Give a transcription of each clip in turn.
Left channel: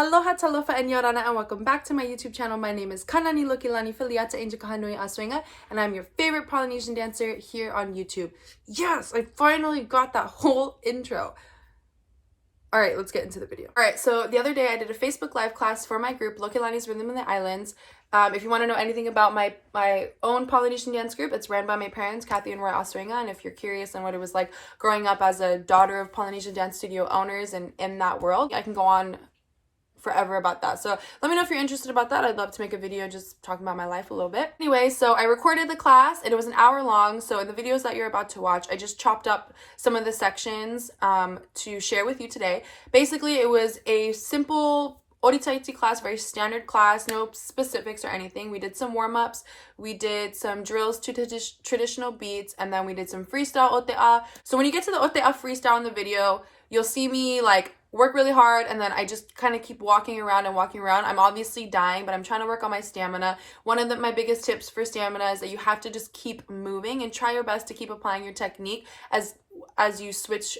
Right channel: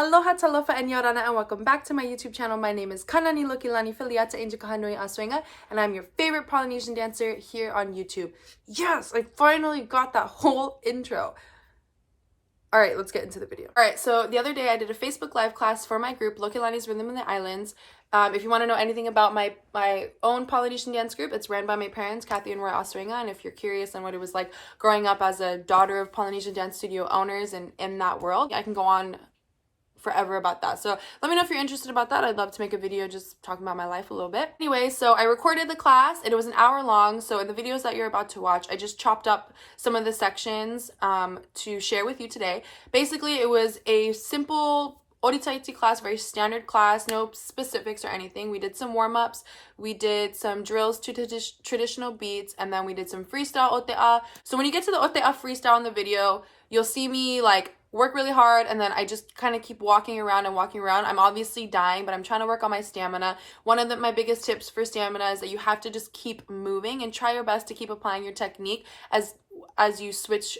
Aloha talofa and yorana, and welcome back to my YouTube channel. My name is Kananilokelani Filiata Injakahanui Asuega, and I'm your favorite Polynesian dancer here on YouTube. Yes, I finally got that whole intro. All right, let's get into the video. All right, so the other day I did a Facebook Live class for my group, Lokelani's Rhythm in the Islands. If you want to know anything about my own Polynesian dance group, it's ran by my parents, Kathy and Roy Asuega. And if you're curious on what it was like growing up as a daughter of Polynesian dance studio owners and in that world, I can go on forever about that. So let me know if you're interested about that. I'd love to make a video just talking about my life a little bit. Anyway, so I recorded the class and it was an hour long. So in the videos that you're about to watch, I just chopped up some of the sections to share with you today. Basically, it was a simple Oritaiti class, very standard class, no specifics or anything. We did some warm-ups, we did some drills to traditional beats, and then we did some freestyle ote'a. So when you get to the ote'a freestyle in the video, you'll see me like work really hard, and then I just kind of keep walking around. I'm obviously dying, but I'm trying to work on my stamina. One of my biggest tips for stamina is that you have to just keep moving and try your best to keep applying your technique as you switch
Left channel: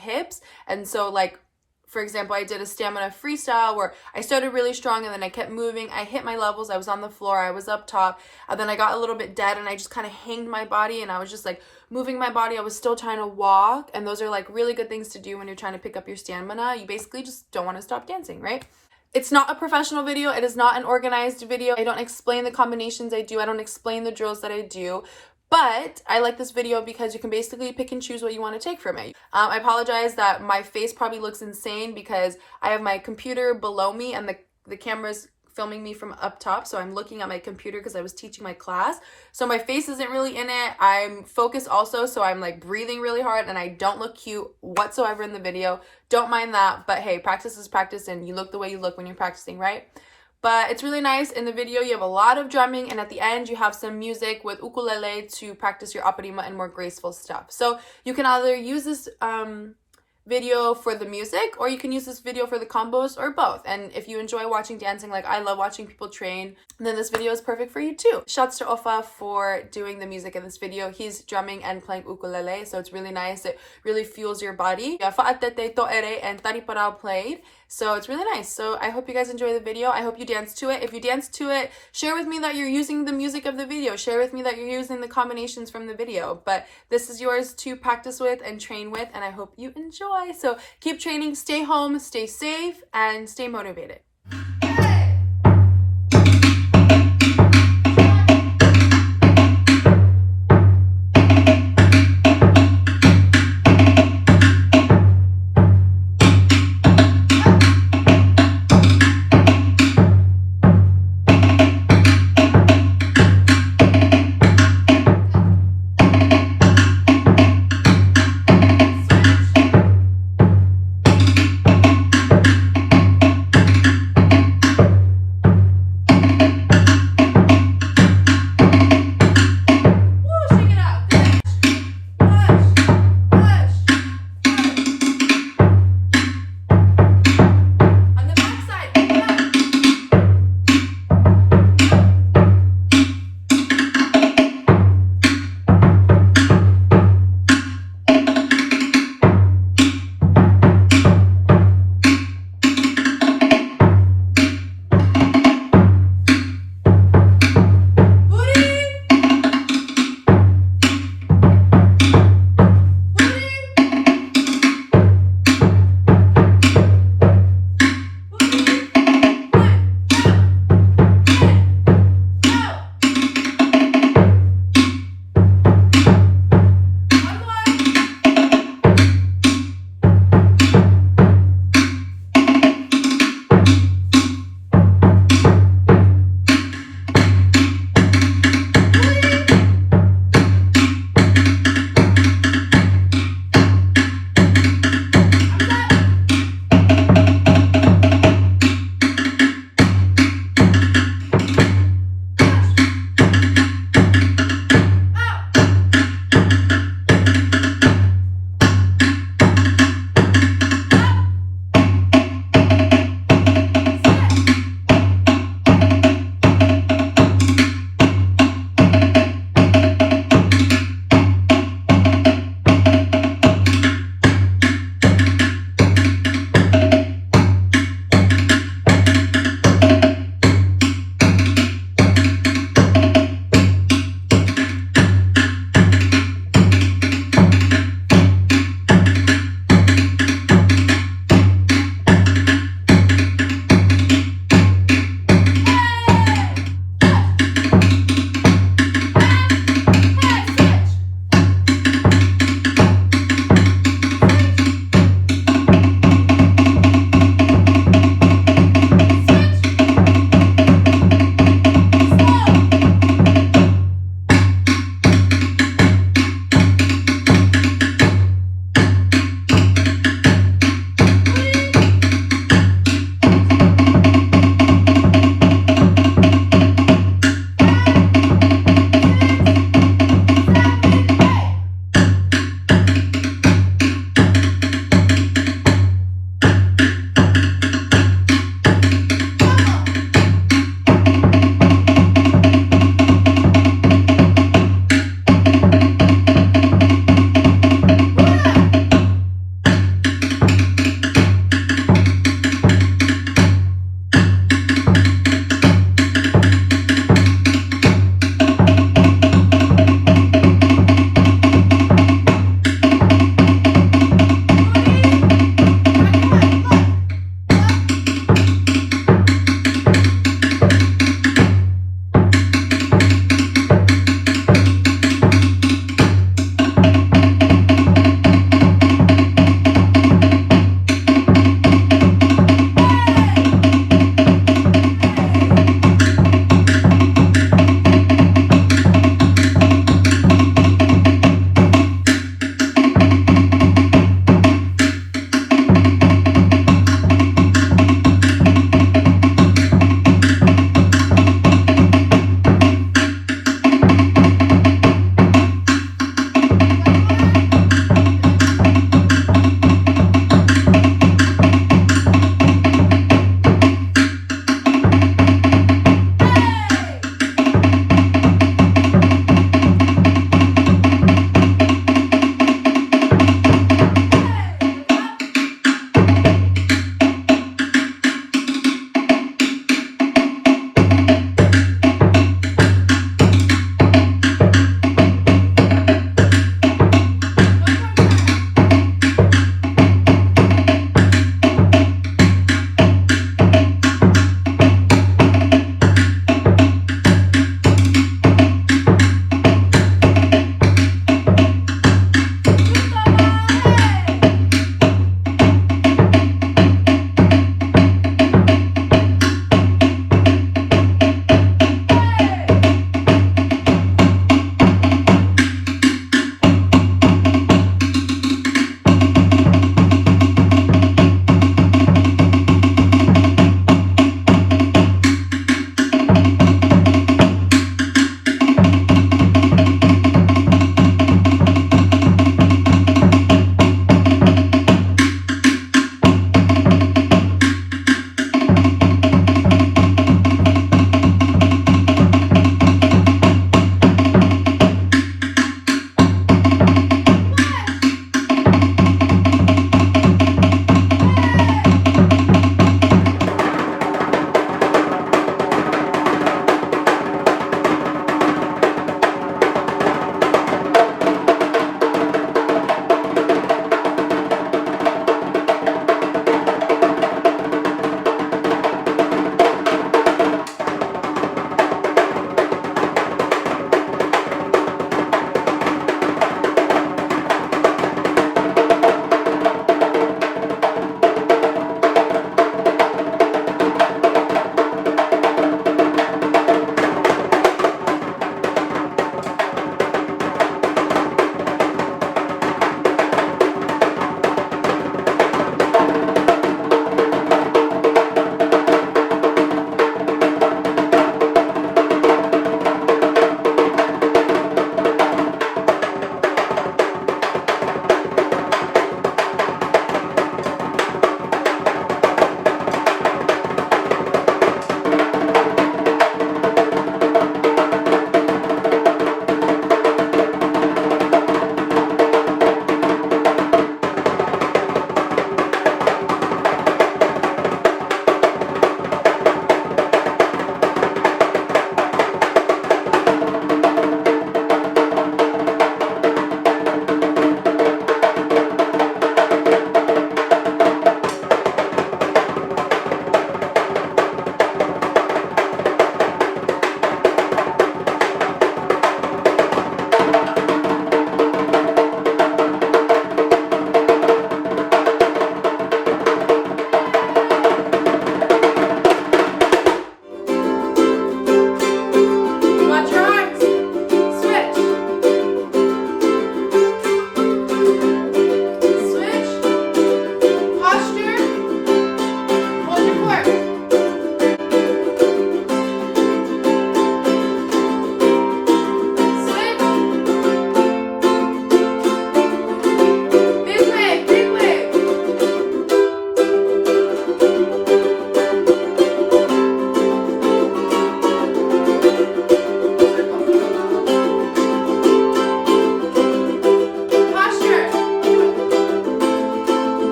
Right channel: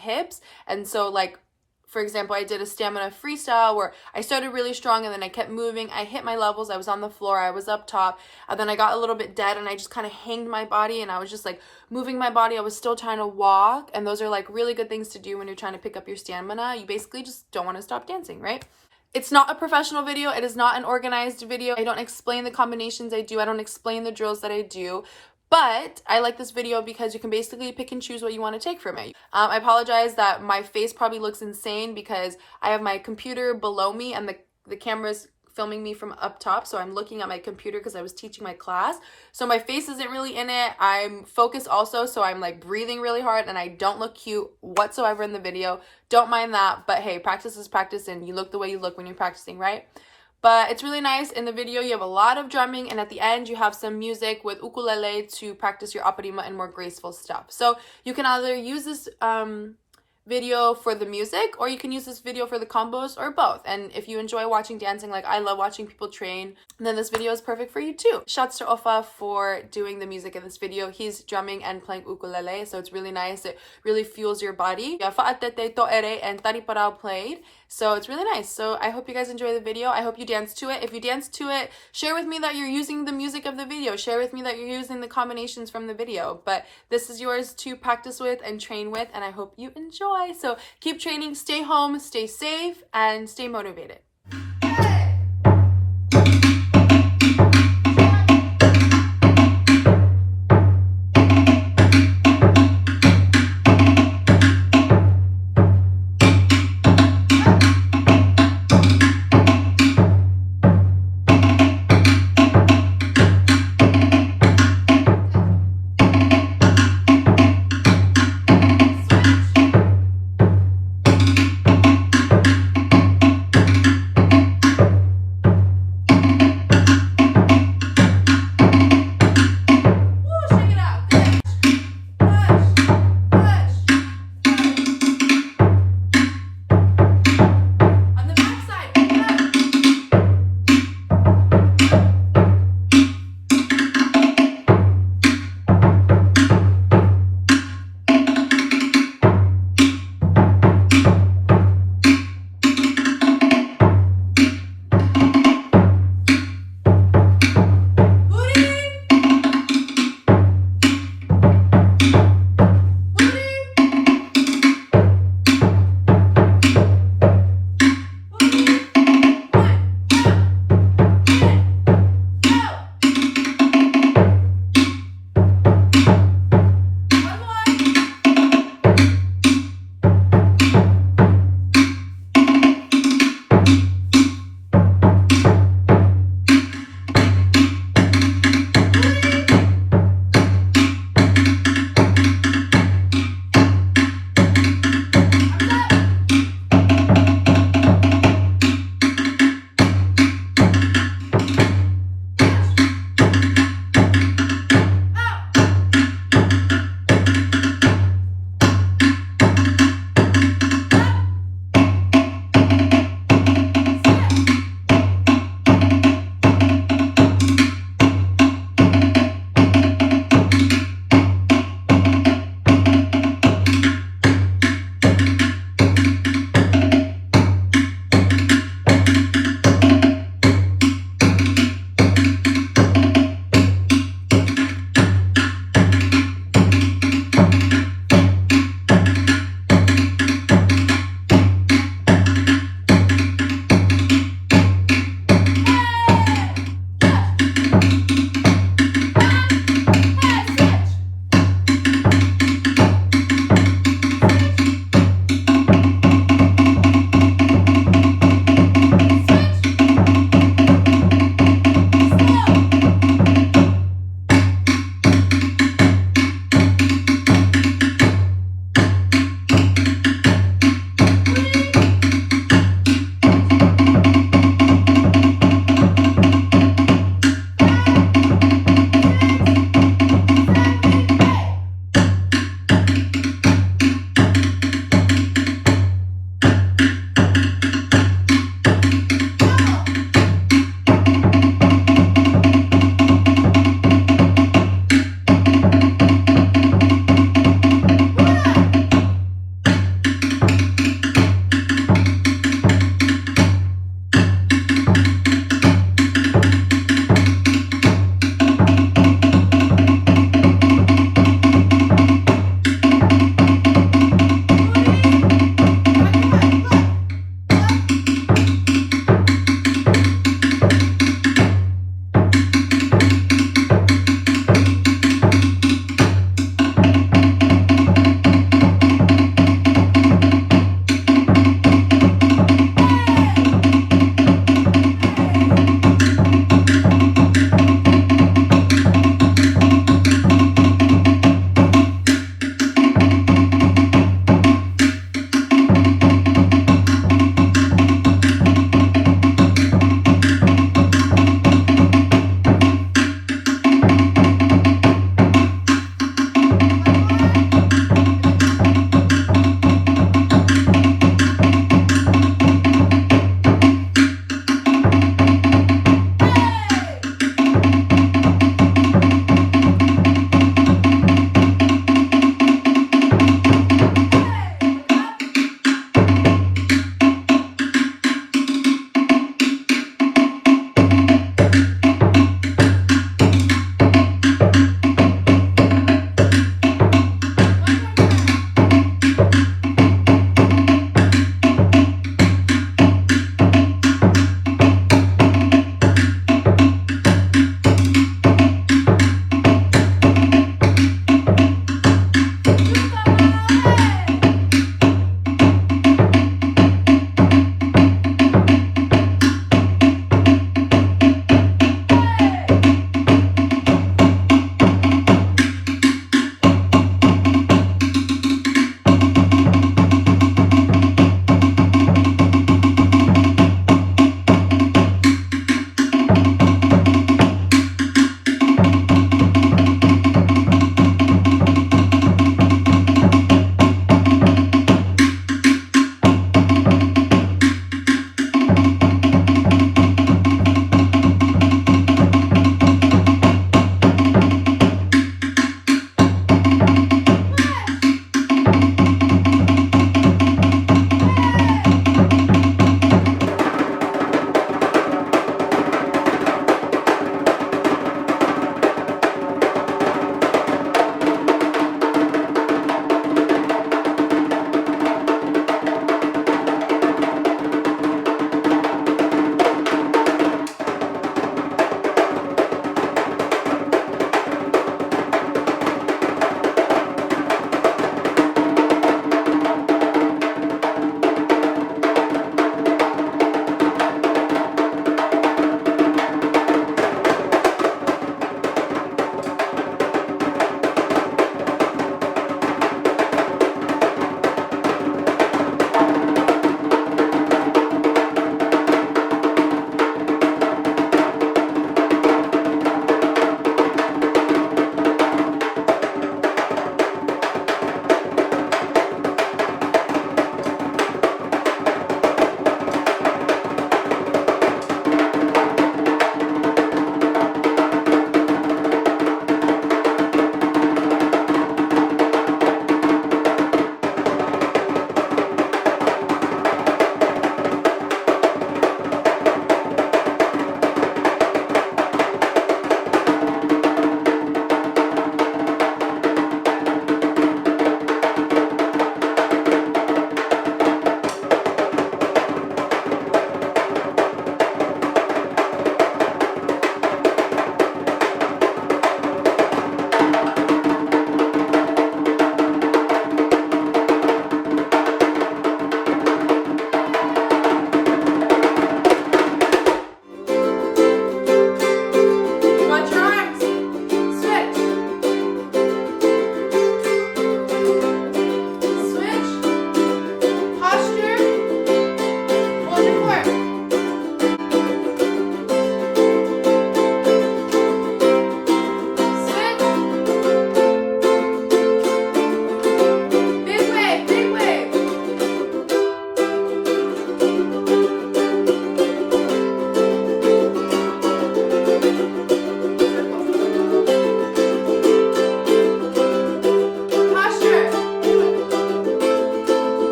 hips. And so like, for example, I did a stamina freestyle where I started really strong and then I kept moving. I hit my levels. I was on the floor. I was up top. And then I got a little bit dead and I just kind of hanged my body and I was just like moving my body. I was still trying to walk. And those are like really good things to do when you're trying to pick up your stamina. You basically just don't want to stop dancing, right? It's not a professional video. It is not an organized video. I don't explain the combinations I do. I don't explain the drills that I do. But I like this video because you can basically pick and choose what you want to take from it. I apologize that my face probably looks insane because I have my computer below me and the camera's filming me from up top. So I'm looking at my computer because I was teaching my class. So my face isn't really in it. I'm focused also. So I'm like breathing really hard and I don't look cute whatsoever in the video. Don't mind that. But hey, practice is practice and you look the way you look when you're practicing, right? But it's really nice. In the video, you have a lot of drumming, and at the end, you have some music with ukulele to practice your aparima and more graceful stuff. So you can either use this video for the music, or you can use this video for the combos, or both. And if you enjoy watching dancing, like I love watching people train, then this video is perfect for you too. Shouts to Ofa for doing the music in this video. He's drumming and playing ukulele, so it's really nice. It really fuels your body. Fa'atete to'ere and Tariparao played. So it's really nice. So I hope you guys enjoy the video. I hope you dance to it. If you dance to it, share with me that you're using the music of the video. Share with me that you're using the combinations from the video. But this is yours to practice with and train with, and I hope you enjoy. So keep training, stay home, stay safe, and stay motivated.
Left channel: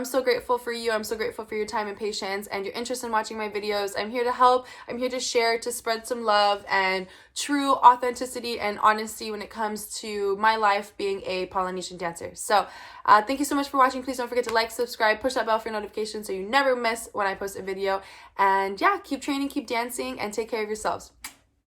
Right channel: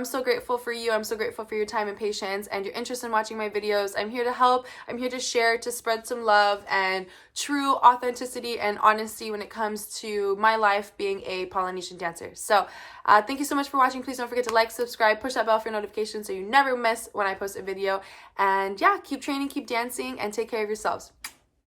I'm so grateful for you. I'm so grateful for your time and patience and your interest in watching my videos. I'm here to help. I'm here to share, to spread some love and true authenticity and honesty when it comes to my life being a Polynesian dancer. So thank you so much for watching. Please don't forget to like, subscribe, push that bell for notifications so you never miss when I post a video. And yeah, keep training, keep dancing, and take care of yourselves.